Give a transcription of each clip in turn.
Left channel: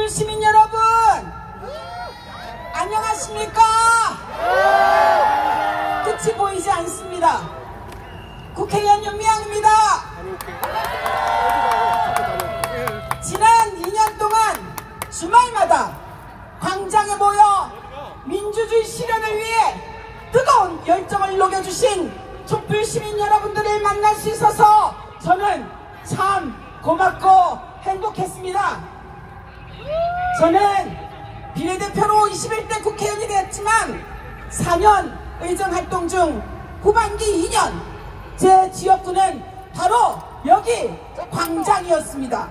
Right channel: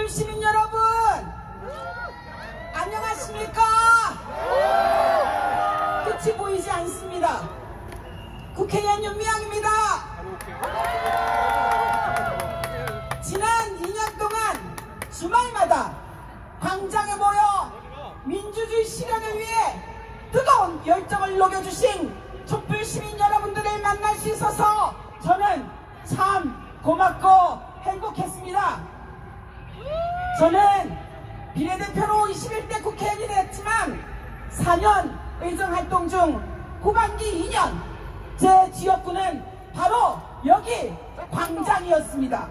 촛불 시민 여러분, 안녕하십니까? 끝이 보이지 않습니다. 국회의원 윤미향입니다. 지난 2년 동안 주말마다 광장에 모여 민주주의 실현을 위해 뜨거운 열정을 녹여주신 촛불 시민 여러분들을 만날 수 있어서 저는 참 고맙고 행복했습니다. 저는 비례대표로 21대 국회의원이 되었지만 4년 의정활동 중 후반기 2년 제 지역구는 바로 여기 광장이었습니다.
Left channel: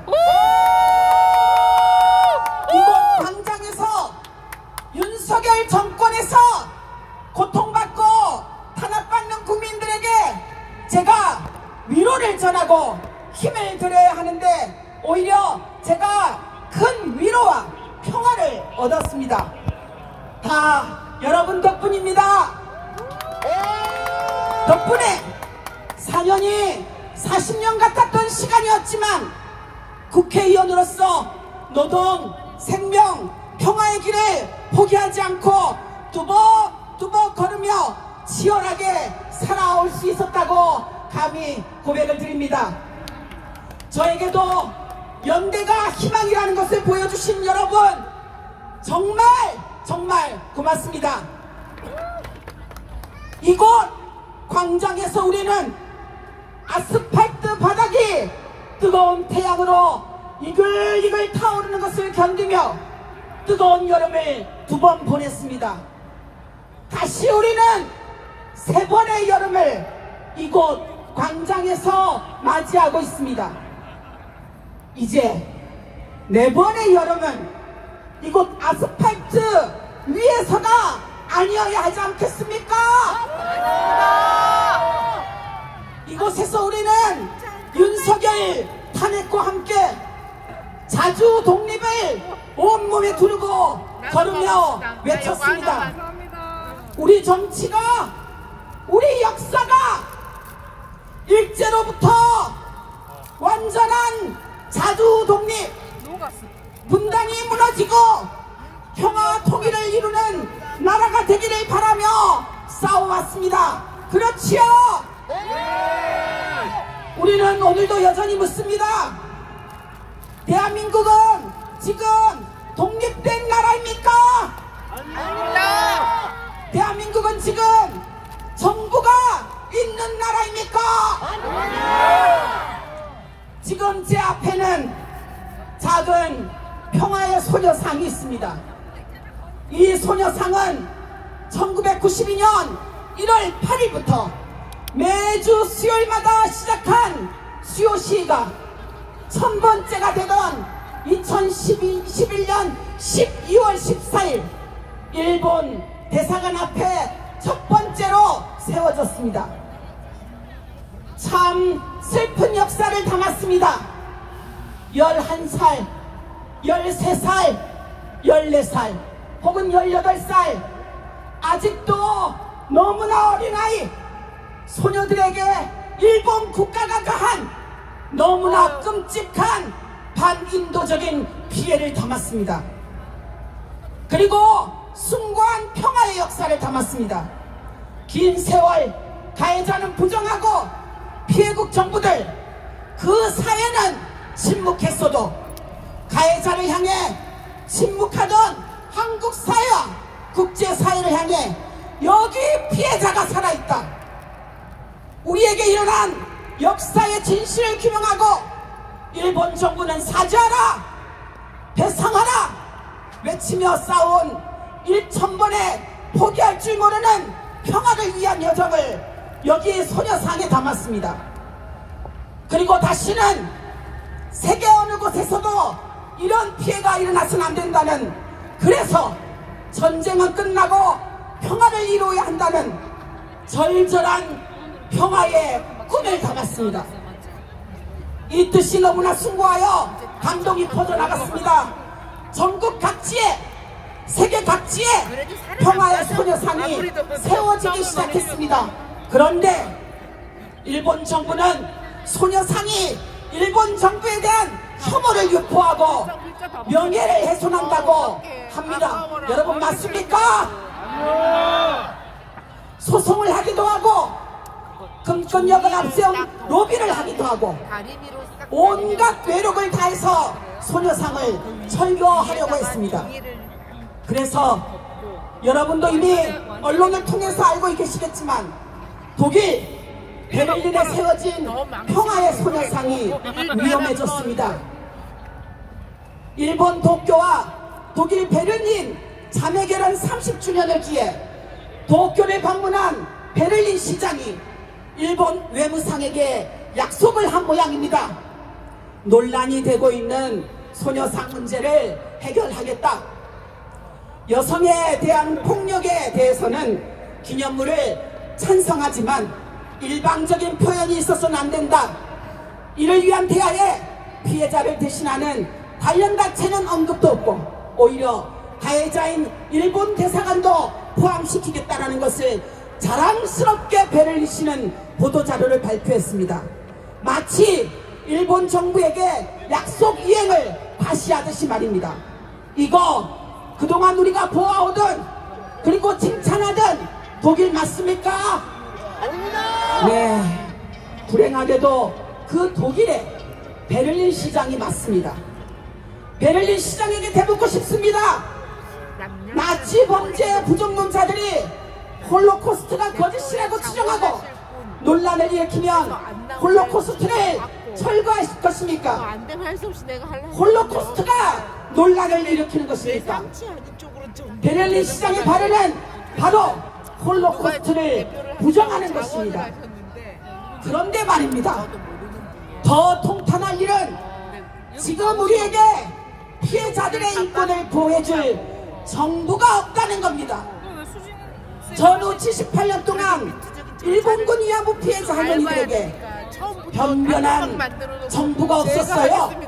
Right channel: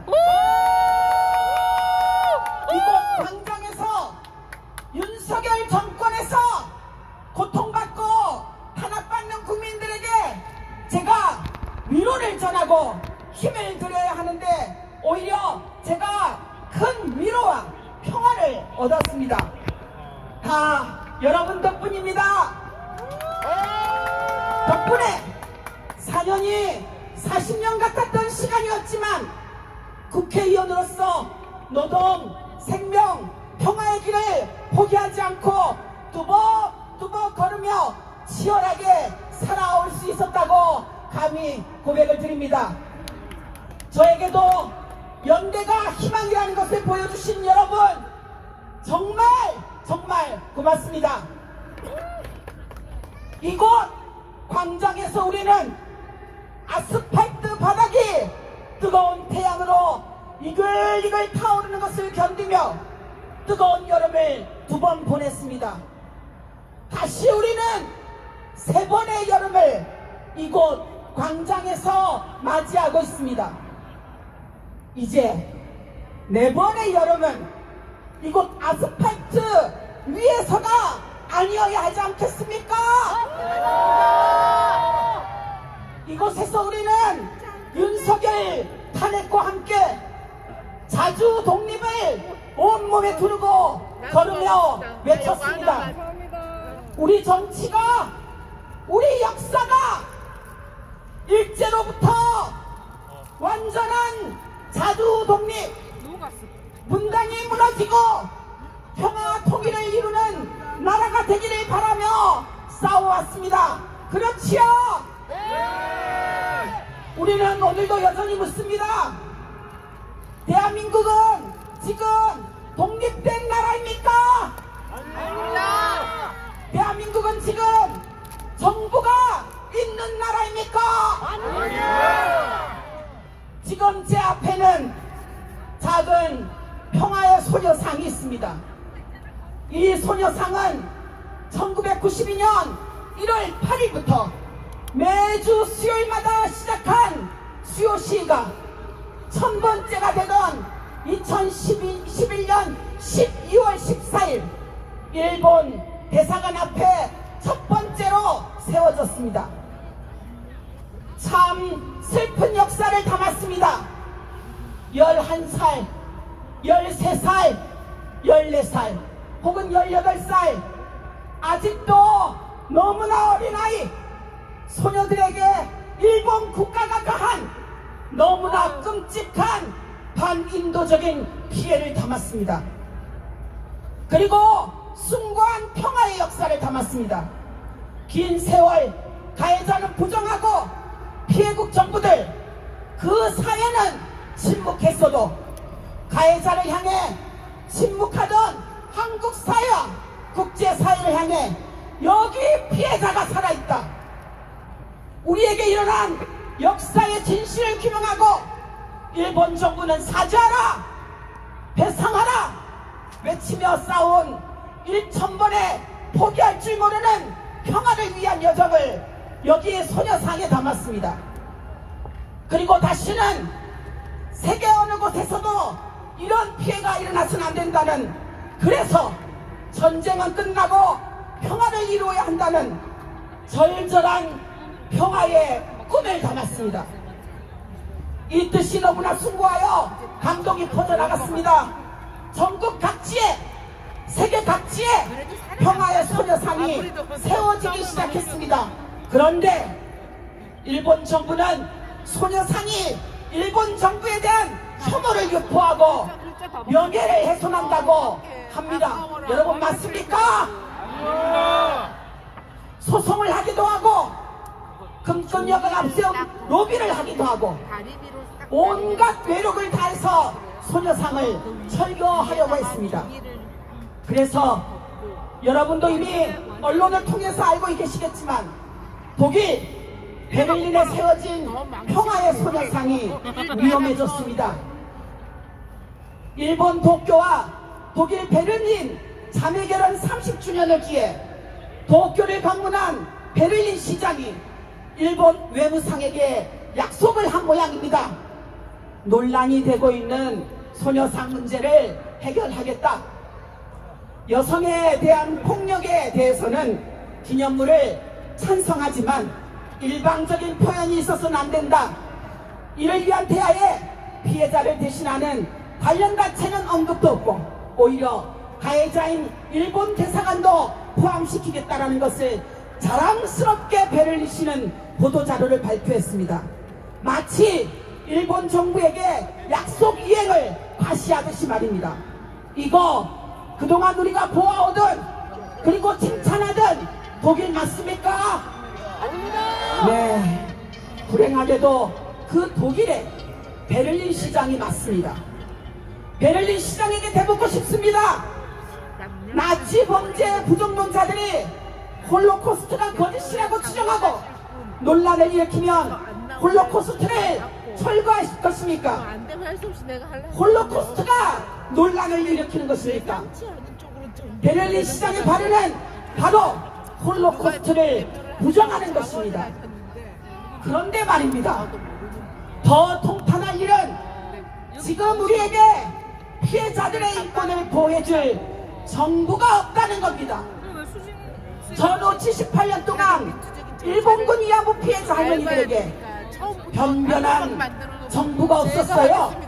이곳 광장에서 윤석열 정권에서 고통받고 탄압받는 국민들에게 제가 위로를 전하고 힘을 드려야 하는데 오히려 제가 큰 위로와 평화를 얻었습니다. 다 여러분 덕분입니다. 덕분에 4년이 40년 같았던 시간이었지만 국회의원으로서 노동, 생명, 평화의 길을 포기하지 않고 뚜벅뚜벅 걸으며 치열하게 살아올 수 있었다고 감히 고백을 드립니다. 저에게도 연대가 희망이라는 것을 보여주신 여러분 정말 고맙습니다. 이곳 광장에서 우리는 아스팔트 바닥이 뜨거운 태양으로 이글이글 타오르는 것을 견디며 뜨거운 여름을 2번 보냈습니다. 다시 우리는 3번의 여름을 이곳 광장에서 맞이하고 있습니다. 이제 4번의 여름은 이곳 아스팔트 위에서가 아니어야 하지 않겠습니까? 이곳에서 우리는 윤석열 탄핵과 함께 자주 독립을 온몸에 두르고 걸으며 외쳤습니다. 우리 정치가, 우리 역사가 일제로부터 완전한 자주 독립, 분단이 무너지고 평화 통일을 이루는 나라가 되기를 바라며 싸워왔습니다. 그렇지요? 우리는 오늘도 여전히 묻습니다. 대한민국은 지금 독립된 나라입니까? 아닙니다. 대한민국은 지금 정부가 있는 나라입니까? 아닙니다. 지금 제 앞에는 작은 평화의 소녀상이 있습니다. 이 소녀상은 1992년 1월 8일부터 매주 수요일마다 시작한 수요시위가 1000번째가 되던 2011년 12월 14일 일본 대사관 앞에 첫 번째로 세워졌습니다. 참 슬픈 역사를 담았습니다. 11살, 13살, 14살 혹은 18살 아직도 너무나 어린아이 소녀들에게 일본 국가가 가한 너무나 끔찍한 반인도적인 피해를 담았습니다. 그리고 숭고한 평화의 역사를 담았습니다. 긴 세월 가해자는 부정하고 피해국 정부들 그 사회는 침묵했어도 가해자를 향해 침묵하던 한국 사회와 국제사회를 향해 여기 피해자가 살아있다. 우리에게 일어난 역사의 진실을 규명하고 일본 정부는 사죄하라, 배상하라 외치며 싸운 1000번에 포기할 줄 모르는 평화를 위한 여정을 여기 소녀상에 담았습니다. 그리고 다시는 세계 어느 곳에서도 이런 피해가 일어나서는 안 된다는, 그래서 전쟁은 끝나고 평화를 이루어야 한다는 절절한 평화의 꿈을 담았습니다. 이 뜻이 너무나 숭고하여 감동이 퍼져나갔습니다. 전국 각지에, 세계 각지에 평화의 소녀상이 세워지기 시작했습니다. 그런데 일본 정부는 소녀상이 일본 정부에 대한 혐오를 유포하고 명예를 훼손한다고 합니다. 여러분 맞습니까? 소송을 하기도 하고 금권력을 앞세운 로비를 하기도 하고 온갖 외력을 다해서 소녀상을 철거하려고 했습니다. 그래서 여러분도 이미 언론을 통해서 알고 계시겠지만 독일 베를린에 세워진 평화의 소녀상이 위험해졌습니다. 일본 도쿄와 독일 베를린 자매결혼 30주년을 기해 도쿄를 방문한 베를린 시장이 일본 외무상에게 약속을 한 모양입니다. 논란이 되고 있는 소녀상 문제를 해결하겠다. 여성에 대한 폭력에 대해서는 기념물을 찬성하지만 일방적인 표현이 있어서는 안 된다. 이를 위한 대화에 피해자를 대신하는 관련단체는 언급도 없고 오히려 가해자인 일본 대사관도 포함시키겠다는 것을 자랑스럽게 베를린시는 보도자료를 발표했습니다. 마치 일본 정부에게 약속 이행을 과시하듯이 말입니다. 이거 그동안 우리가 보아오던 그리고 칭찬하던 독일 맞습니까? 아닙니다. 네, 불행하게도 그 독일의 베를린 시장이 맞습니다. 베를린 시장에게 대묻고 싶습니다. 나치 범죄의 부정론자들이 홀로코스트가 거짓이라고 추정하고 논란을 일으키면 홀로코스트를 철거하실 것입니까? 홀로코스트가 논란을 일으키는 것입니까? 베를린 시장의 발언은 바로 홀로코스트를 부정하는 것입니다. 그런데 말입니다. 더 통탄할 일은 지금 우리에게 피해자들의 인권을 보호해줄 정부가 없다는 겁니다. 전후 78년 동안 일본군 위안부 피해자 할머니들에게 변변한 정부가 없었어요.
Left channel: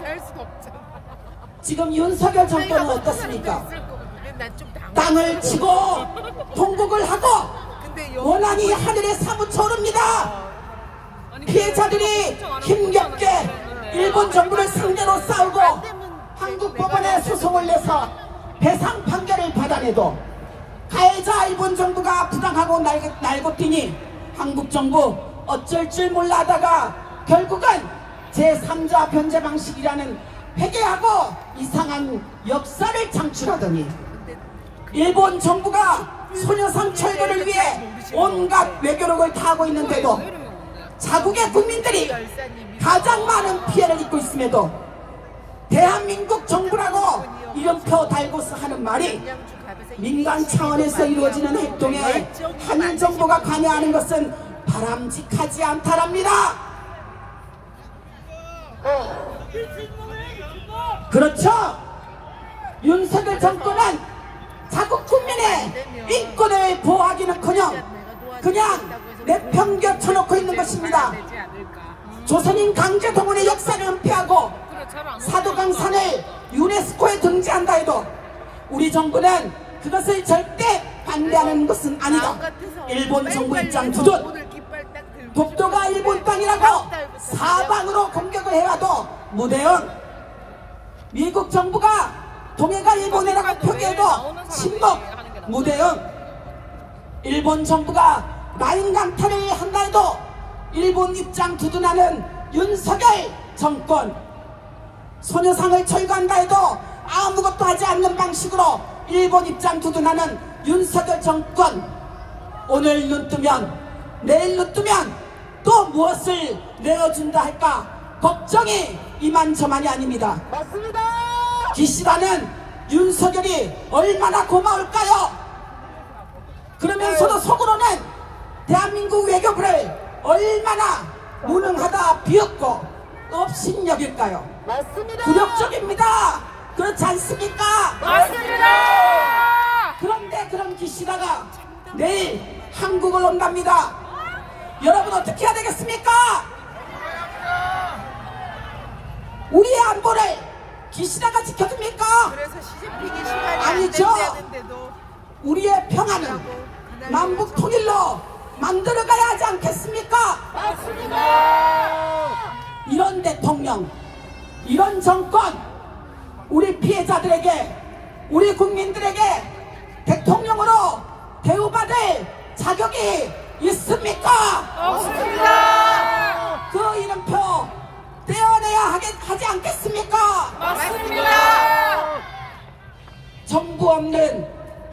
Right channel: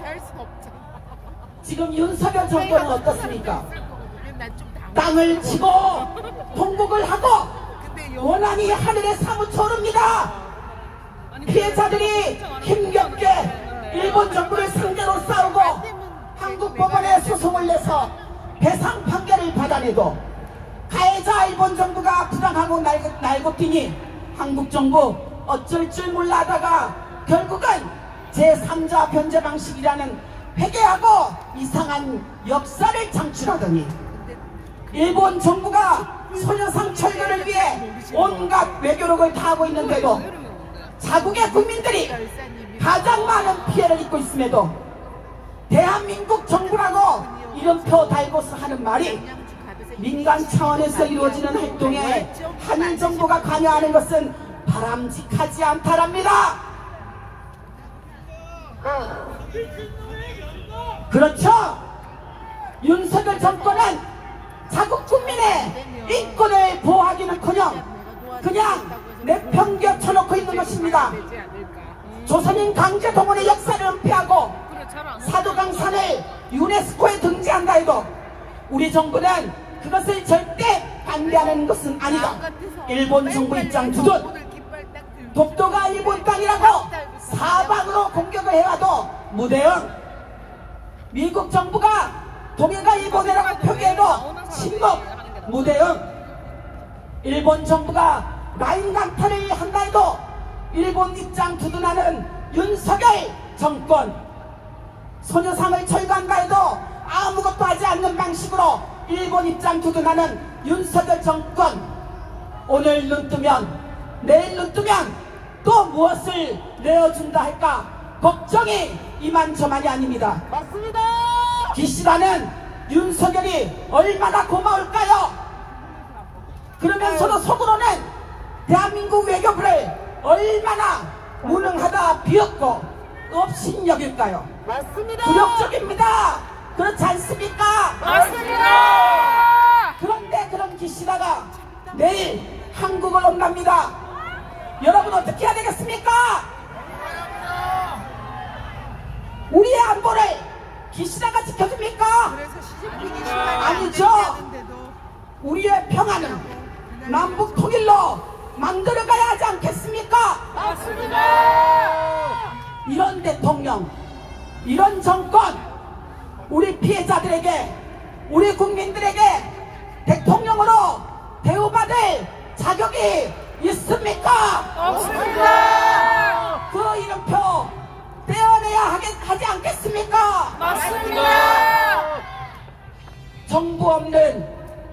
지금 윤석열 정권은 어떻습니까? 땅을 치고 통곡을 하고 원한이 하늘에 사무쳐 오릅니다. 피해자들이 힘겹게 일본 정부를 상대로 싸우고 한국 법원에 소송을 내서 배상 판결을 받아내도 가해자 일본 정부가 부당하고 날고 뛰니 한국 정부 어쩔 줄 몰라 하다가 결국은 제3자 변제 방식이라는 회개하고 이상한 역사를 창출하더니 일본 정부가 소녀상 철거를 위해 온갖 외교력을 다하고 있는데도 자국의 국민들이 가장 많은 피해를 입고 있음에도 대한민국 정부라고 이름표 달고서 하는 말이 민간 차원에서 이루어지는 활동에 한일 정부가 관여하는 것은 바람직하지 않다랍니다. 그렇죠. 윤석열 정권은 자국 국민의 인권을 보호하기는커녕 그냥 내팽개쳐놓고 있는 것입니다. 조선인 강제동원의 역사를 은폐하고 사도강산을 유네스코에 등재한다 해도 우리 정부는 그것을 절대 반대하는 것은 아니다. 일본 정부 입장 두둔. 독도가 일본 땅이라고 사방으로 공격을 해와도 무대응. 미국 정부가 동해가 일본이라고 표기해도 침묵. 무대응. 일본 정부가 라인 강탈을 한다 해도 일본 입장 두둔하는 윤석열 정권. 소녀상을 철거한다 해도 아무것도 하지 않는 방식으로 일본 입장 두둔하는 윤석열 정권. 오늘 눈 뜨면 내일 눈 뜨면 또 무엇을 내어준다 할까 걱정이 이만저만이 아닙니다. 맞습니다. 기시다는 윤석열이 얼마나 고마울까요? 그러면서도 속으로는 대한민국 외교부를 얼마나 무능하다 비었고 업신여길까요? 맞습니다. 굴욕적입니다. 그렇지 않습니까? 맞습니다. 그런데 그런 기시다가 내일 한국을 온답니다. 여러분 어떻게 해야 되겠습니까? 우리의 안보를 기시다가 지켜줍니까? 아니죠. 우리의 평화는 남북 통일로 만들어가야 하지 않겠습니까? 맞습니다. 이런 대통령 이런 정권, 우리 피해자들에게, 우리 국민들에게 대통령으로 대우받을 자격이 있습니까? 없습니다. 그 이름표 떼어내야 하지 않겠습니까? 맞습니다. 정부 없는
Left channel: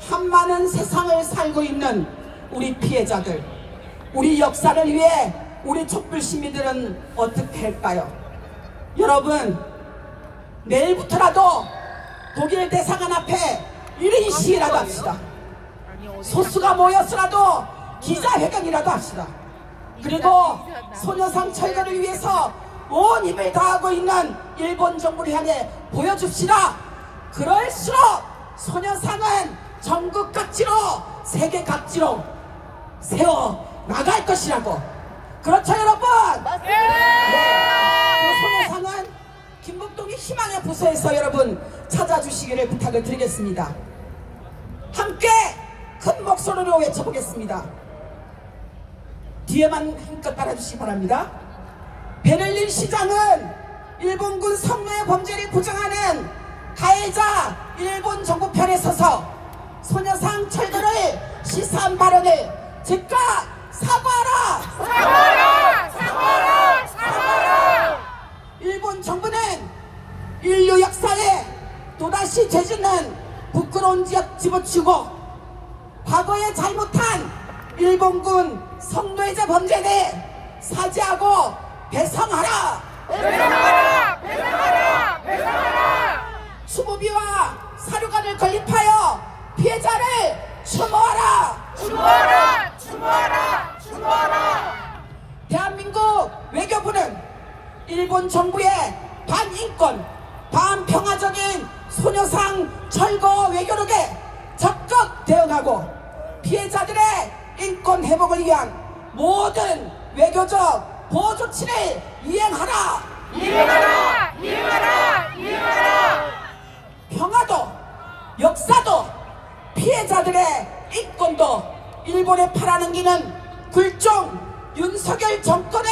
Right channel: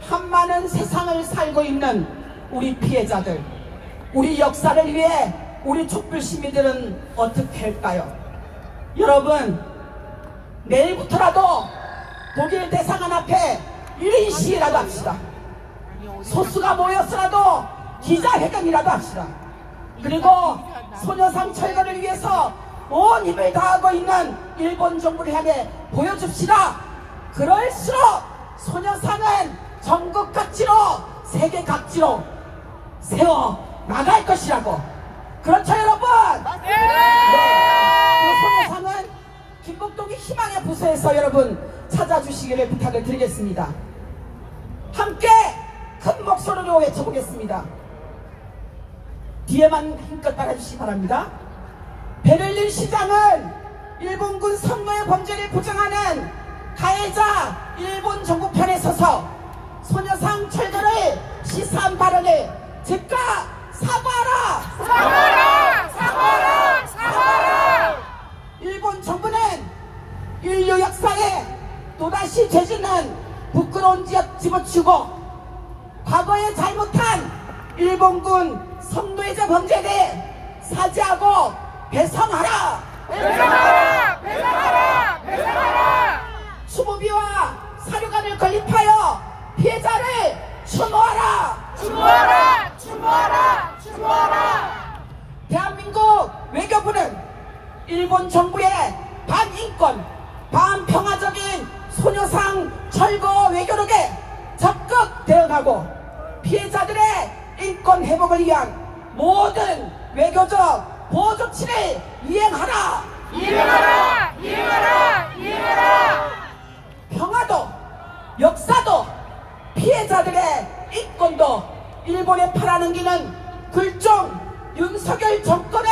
한많은 세상을 살고 있는 우리 피해자들, 우리 역사를 위해 우리 촛불 시민들은 어떻게 할까요? 여러분, 내일부터라도 독일 대사관 앞에 1인 시위라도 합시다. 소수가 모여서라도 기자회견이라도 합시다. 그리고 소녀상 철거를 위해서 온 힘을 다하고 있는 일본 정부를 향해 보여줍시다. 그럴수록 소녀상은 전국 각지로, 세계 각지로 세워 나갈 것이라고. 그렇죠, 여러분? 네. 그 소녀상은 김복동의 희망의 부서에서 여러분 찾아주시기를 부탁을 드리겠습니다. 함께 큰 목소리로 외쳐보겠습니다. 뒤에만 힘껏 따라주시기 바랍니다. 베를린 시장은 일본군 성노예 범죄를 부정하는 가해자 일본 정부 편에 서서 소녀상 철거를 시사한 발언을 즉각 사과하라! 사과하라! 사과하라! 사과하라! 일본 정부는 인류 역사에 또다시 죄짓는 부끄러운 지역 집어치고 과거에 잘못한 일본군 성노예자 범죄에 대해 사죄하고 배상하라! 배상하라! 배상하라! 배상하라! 수모비와 사료관을 건립하여 피해자를 추모하라! 추모하라! 추모하라! 추모하라! 대한민국 외교부는 일본 정부의 반인권, 반평화적인 소녀상 철거 외교력에 적극 대응하고 피해자들의 인권 회복을 위한 모든 외교적 보호 조치를 이행하라! 이행하라! 이행하라! 이행하라! 평화도, 역사도, 피해자들의 인권도 일본에 팔아넘기는 굴종 윤석열 정권을